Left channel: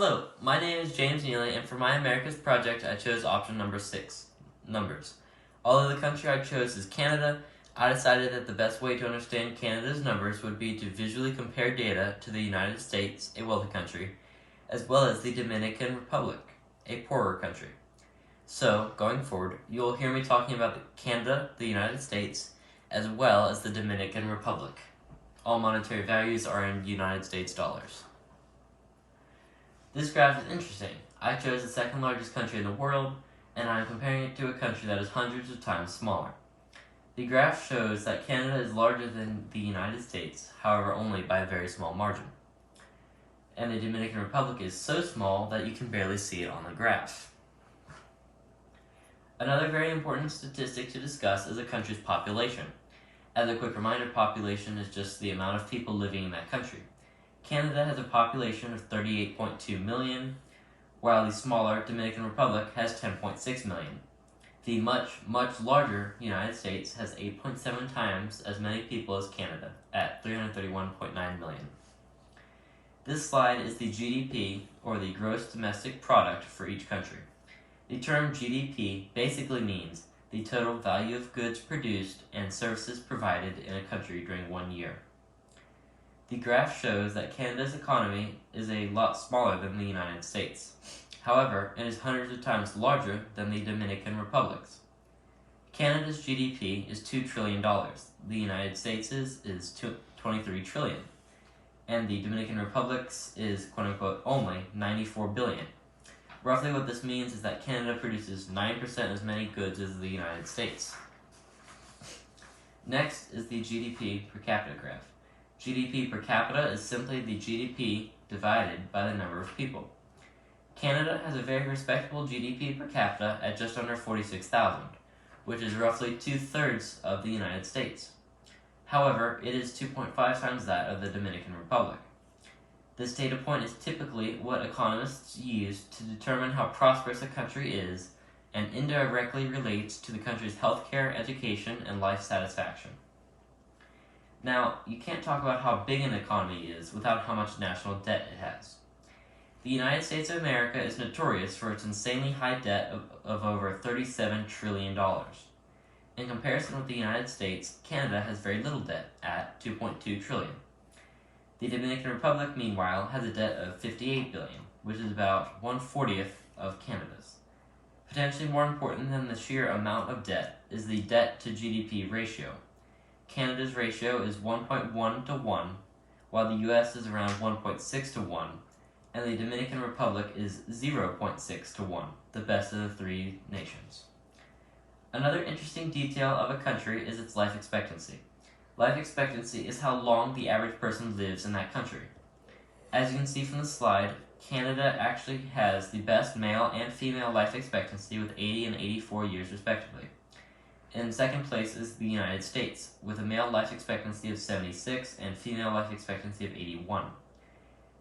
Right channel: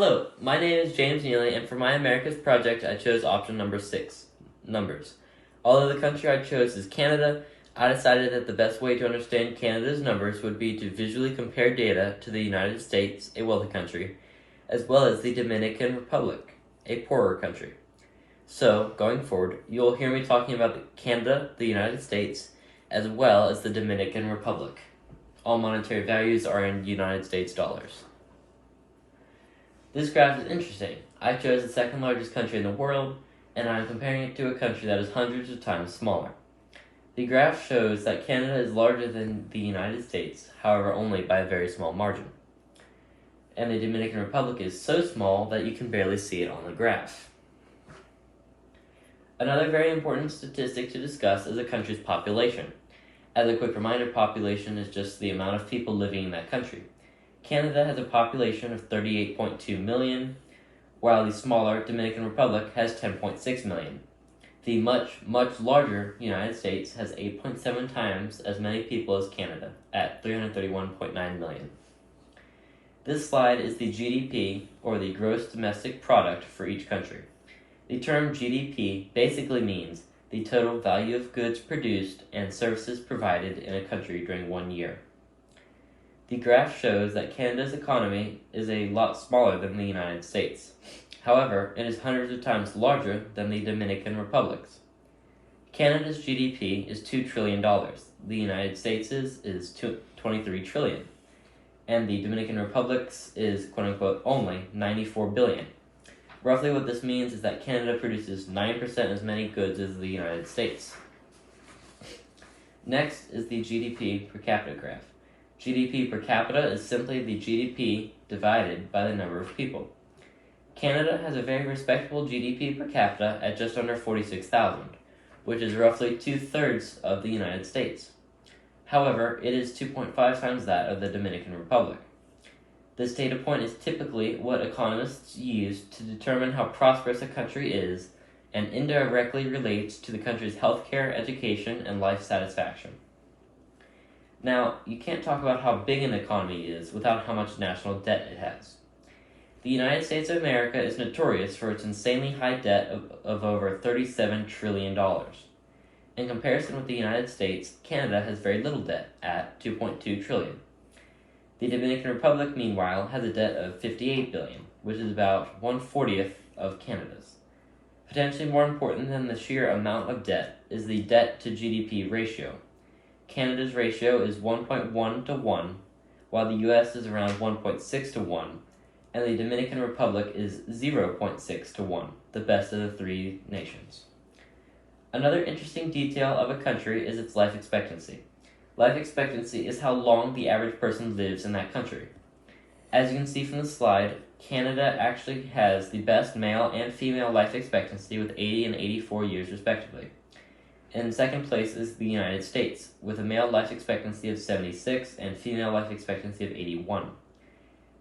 Hello, my name is James Neely, and for my Americas project, I chose option number 6, numbers. Although the country I chose is Canada, I decided that the best way to understand Canada's numbers would be to visually compare data to the United States, a wealthy country, as well as the Dominican Republic, a poorer country. So, going forward, you'll hear me talking about Canada, the United States, as well as the Dominican Republic. All monetary values are in United States dollars. This graph is interesting. I chose the second largest country in the world, and I'm comparing it to a country that is hundreds of times smaller. The graph shows that Canada is larger than the United States, however only by a very small margin. And the Dominican Republic is so small that you can barely see it on the graph. Another very important statistic to discuss is a country's population. As a quick reminder, population is just the amount of people living in that country. Canada has a population of 38.2 million, while the smaller Dominican Republic has 10.6 million. The much larger United States has 8.7 times as many people as Canada, at 331.9 million. This slide is the GDP, or the gross domestic product, for each country. The term GDP basically means the total value of goods produced and services provided in a country during 1 year. The graph shows that Canada's economy is a lot smaller than the United States. However, it is hundreds of times larger than the Dominican Republic's. Canada's GDP is $2 trillion. The United States' is 23 trillion. And the Dominican Republic's is, quote-unquote, only 94 billion. Roughly what this means is that Canada produces 9% as many goods as the United States. Next is the GDP per capita graph. GDP per capita is simply the GDP divided by the number of people. Canada has a very respectable GDP per capita at just under 46,000, which is roughly 2/3 of the United States. However, it is 2.5 times that of the Dominican Republic. This data point is typically what economists use to determine how prosperous a country is and indirectly relates to the country's healthcare, education, and life satisfaction. Now, you can't talk about how big an economy is without how much national debt it has. The United States of America is notorious for its insanely high debt of over $37 trillion. In comparison with the United States, Canada has very little debt at $2.2 trillion. The Dominican Republic, meanwhile, has a debt of $58 billion, which is about 1/40th of Canada's. Potentially more important than the sheer amount of debt is the debt to GDP ratio. Canada's ratio is 1.1 to 1, while the US is around 1.6 to 1, and the Dominican Republic is 0.6 to 1, the best of the three nations. Another interesting detail of a country is its life expectancy. Life expectancy is how long the average person lives in that country. As you can see from the slide, Canada actually has the best male and female life expectancy with 80 and 84 years respectively. In second place is the United States, with a male life expectancy of 76 and female life expectancy of 81.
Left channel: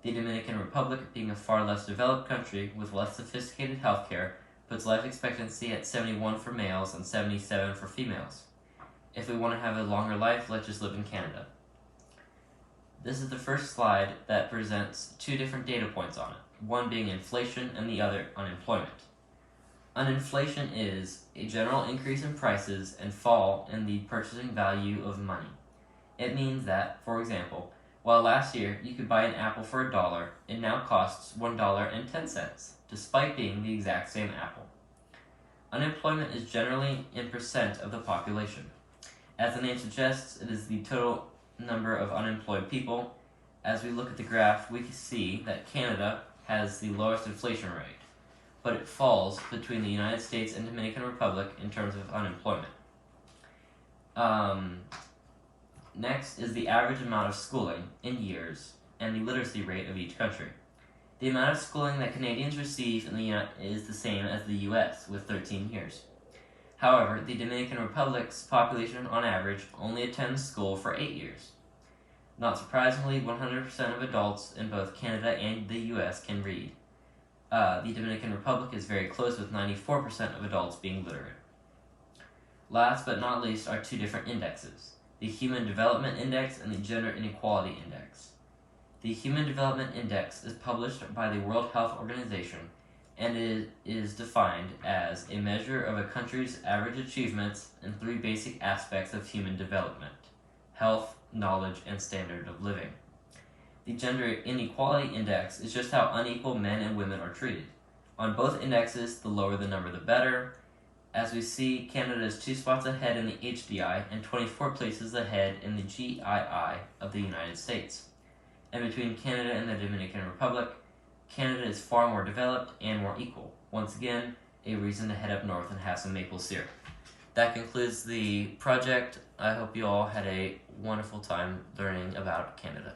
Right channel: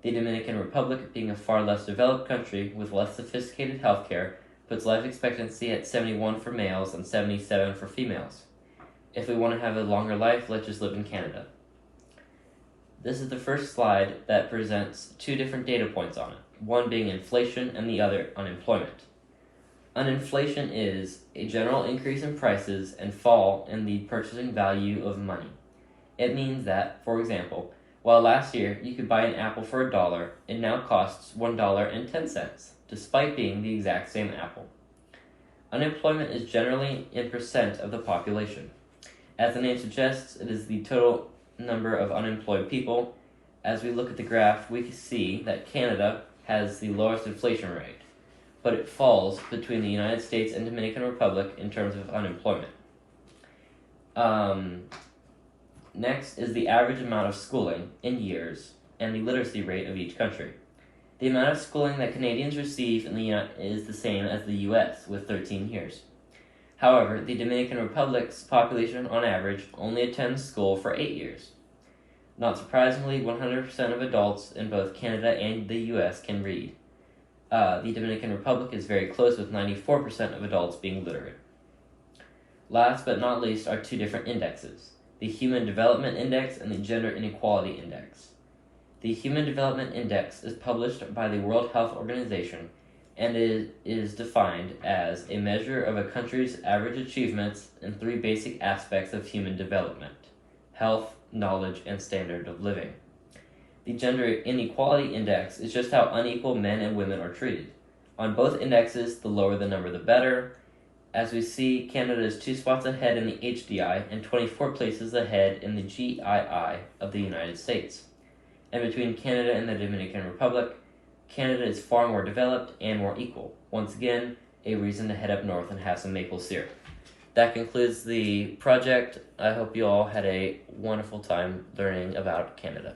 The Dominican Republic, being a far less developed country with less sophisticated healthcare, puts life expectancy at 71 for males and 77 for females. If we want to have a longer life, let's just live in Canada. This is the first slide that presents two different data points on it, one being inflation and the other unemployment. Inflation is a general increase in prices and fall in the purchasing value of money. It means that, for example, while last year you could buy an apple for $1, it now costs $1.10, despite being the exact same apple. Unemployment is generally in percent of the population. As the name suggests, it is the total number of unemployed people. As we look at the graph, we can see that Canada has the lowest inflation rate, but it falls between the United States and Dominican Republic in terms of unemployment. Next is the average amount of schooling in years and the literacy rate of each country. The amount of schooling that Canadians receive is the same as the US, with 13 years. However, the Dominican Republic's population on average only attends school for 8 years. Not surprisingly, 100% of adults in both Canada and the US can read. The Dominican Republic is very close, with 94% of adults being literate. Last but not least are two different indexes, the Human Development Index and the Gender Inequality Index. The Human Development Index is published by the World Health Organization and is defined as a measure of a country's average achievements in three basic aspects of human development: health, knowledge, and standard of living. The Gender Inequality Index is just how unequal men and women are treated. On both indexes, the lower the number, the better. As we see, Canada is 2 spots ahead in the HDI and 24 places ahead in the GII of the United States. And between Canada and the Dominican Republic, Canada is far more developed and more equal. Once again, a reason to head up north and have some maple syrup. That concludes the project. I hope you all had a wonderful time learning about Canada.